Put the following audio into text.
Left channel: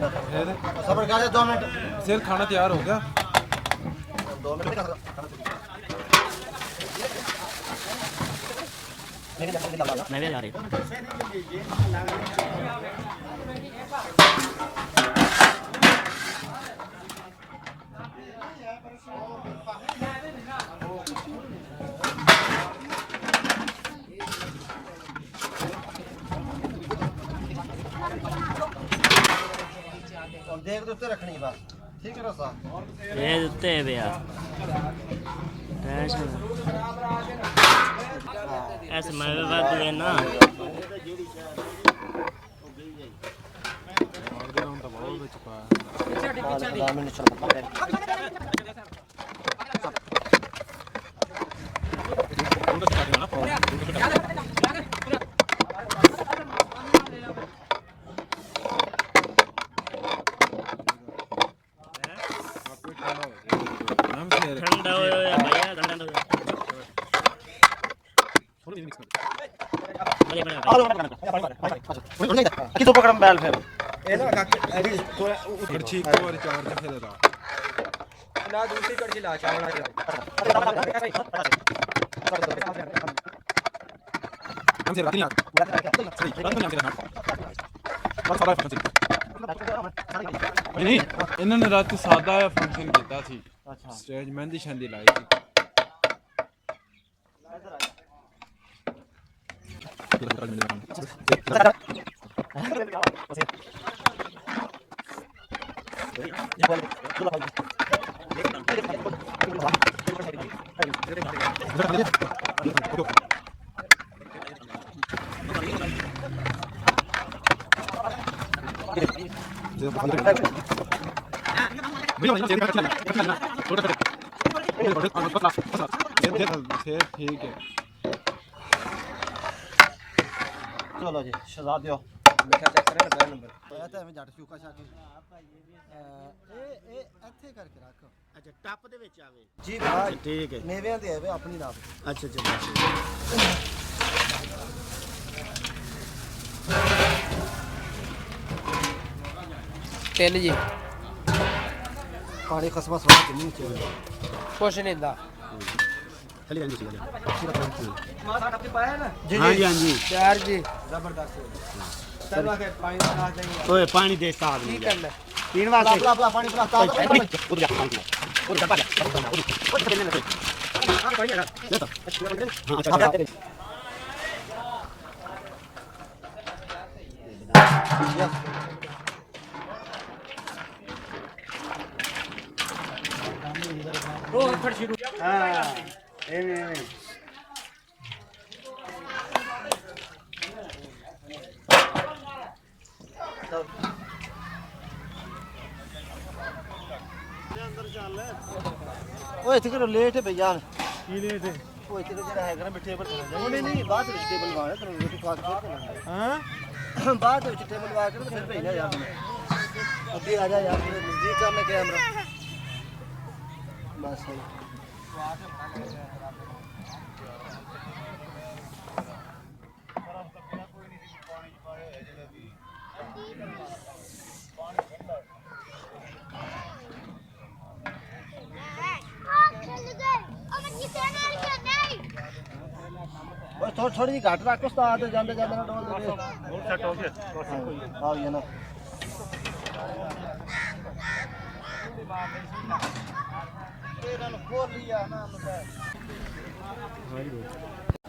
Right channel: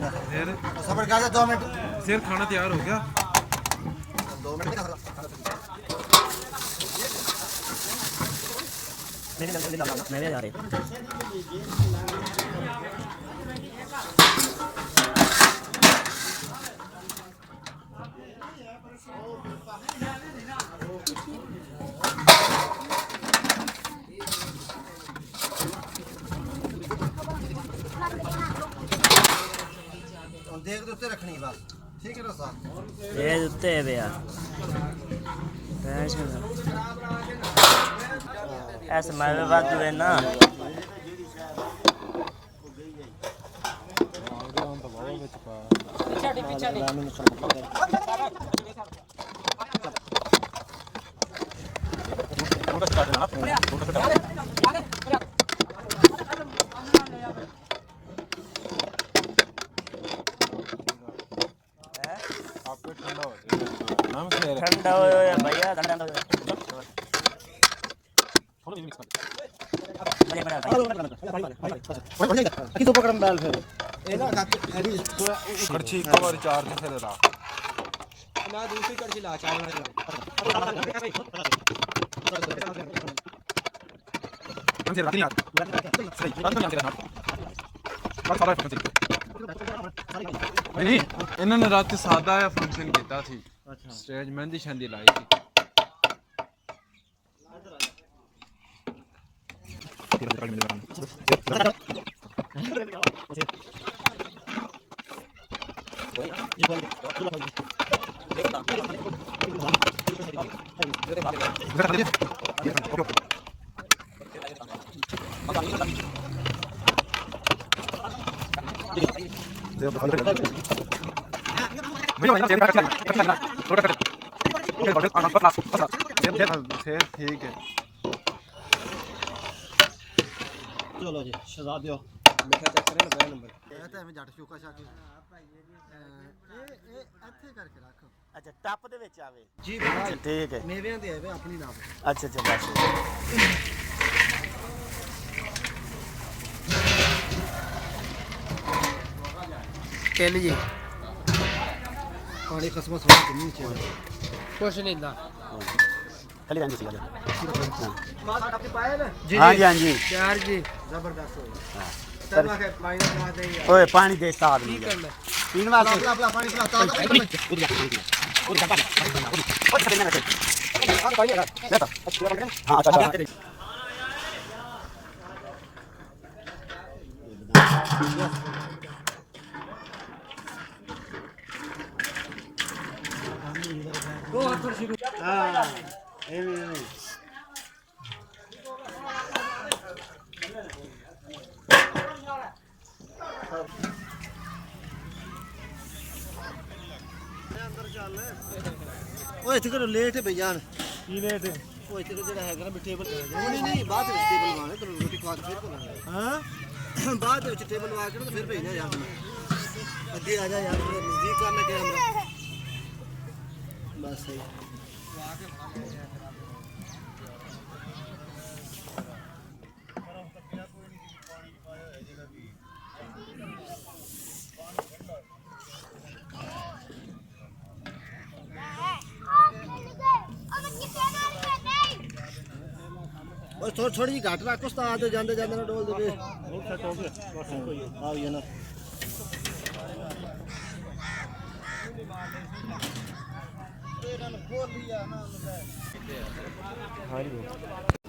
फिर सबर कर 2 मिनट सिर खाना तैयार हो गया 2 मिनट मैं भी जा रही देख दे उत्ते रखनी बस ठीक है रसा ये उत्ते है भैया टेंशन ऐसे मैं भी बात है ना ठंडा हो या भैया ठंडा हो किसो पकड़ बैल फिर ए ना अभी कड़छी को और चार्ज फिर ला ना दूसरी कड़छी ला चावल ला हम से रखनी यार सही बात नहीं आते ना बस सारा फंक्शन इन्होंने रात सादा फंक्शन किया थी अच्छा स्टेज मेहंदी शंदी लाई थी ठीक है चलो जी शहजाद दियो मीठा चेक करें ना नंबर ਇਹ ਤਾਂ ਐਵੇਂ ਜੱਟ ਸ਼ੂਕਾ ਸ਼ਾਕੀ ਇਹ ਇੱਥੇ ਕਰਕੇ ਰੱਖ अच्छा टप दे विच आवे ਜੀ अच्छा ठीक है ਮੇਵਿਆਂ ਦੀ ਆਵੇ ਆਪਣੀ ਨਾਮ अच्छा अच्छा बस ਤਿੰਨ ਜੀ ਪਾਣੀ ਖਸਮਾ ਸਵਾਦ ਨਹੀਂ ਚਾਹੀਦਾ ਕੁਛ ਨਹੀਂ ਹੁੰਦਾ खाली रहने सी गल ਮਾਂ ਸਾਡਾ ਤੇ ਪਾਇਆ ਨਾ हां जी हां जी ਤਿਆਰ ਜੀ ਜ਼ਬਰਦਸਤ ਸਰਵਾ ਕੇ ਪਾਣੀ ਬਣਾ ਦੇ ओए पानी दे साथ ਕੀ में ਕਰਨਾ पीने वास्ते ਆਪਣਾ ਪਾਣੀ ਪਿਲਾਤਾ उधर जा पानी उधर जा पानी उधर से लेना से ले तो हां अच्छा अच्छा ਉਹ ਫੜ ਛਿੜੂ हां एवे एवे ਓਏ ਇੱਥੇ ਕਰੋ ਲੇਟ ਹੈ ਬਈਆਨ की लेट है ਉਹ ਇੱਥੇ ਜਿਹੜਾ ਹੈਗਾ ਨਾ ਮਿੱਠੇ ਪਰ ਉਹ ਨਹੀਂ ਬਾਅਦ ਵਿੱਚ ਟੇਬਲ ਵਾਲੇ ਤੈਨੂੰ ਰੋਟੀ ਖਵਾ ਕੇ ਫਿਰ ਕਰਾਂਗੇ हां ਬਾਅਦ ਵਿੱਚ ਟੇਬਲ ਵਾ ਕੇ ਨਾ ਫਿਰ ਭੇਜਣਾ ਯਾਰ ਤੂੰ ਅੱਗੇ ਆ ਜਾ ਯਾਰ ਤੂੰ ਨਜ਼ਦੀਕ ਕਰਨਾ ਕੈਮਰਾ ਬਸ ਸਹੀ ਓਏ ਥੋੜੀ ਜਿਹੀ ਘੱਟ ਰੱਖ ਉਸਤਾਦ ਜਾਂਦੇ ਜਾਂਦੇ ਨਾ ਡੋਲ ਦੇਵੇ ਬਹੁਤ ਸੈੱਟ ਹੋ ਗਿਆ ਆਹ ਇਹ ਨਾ हां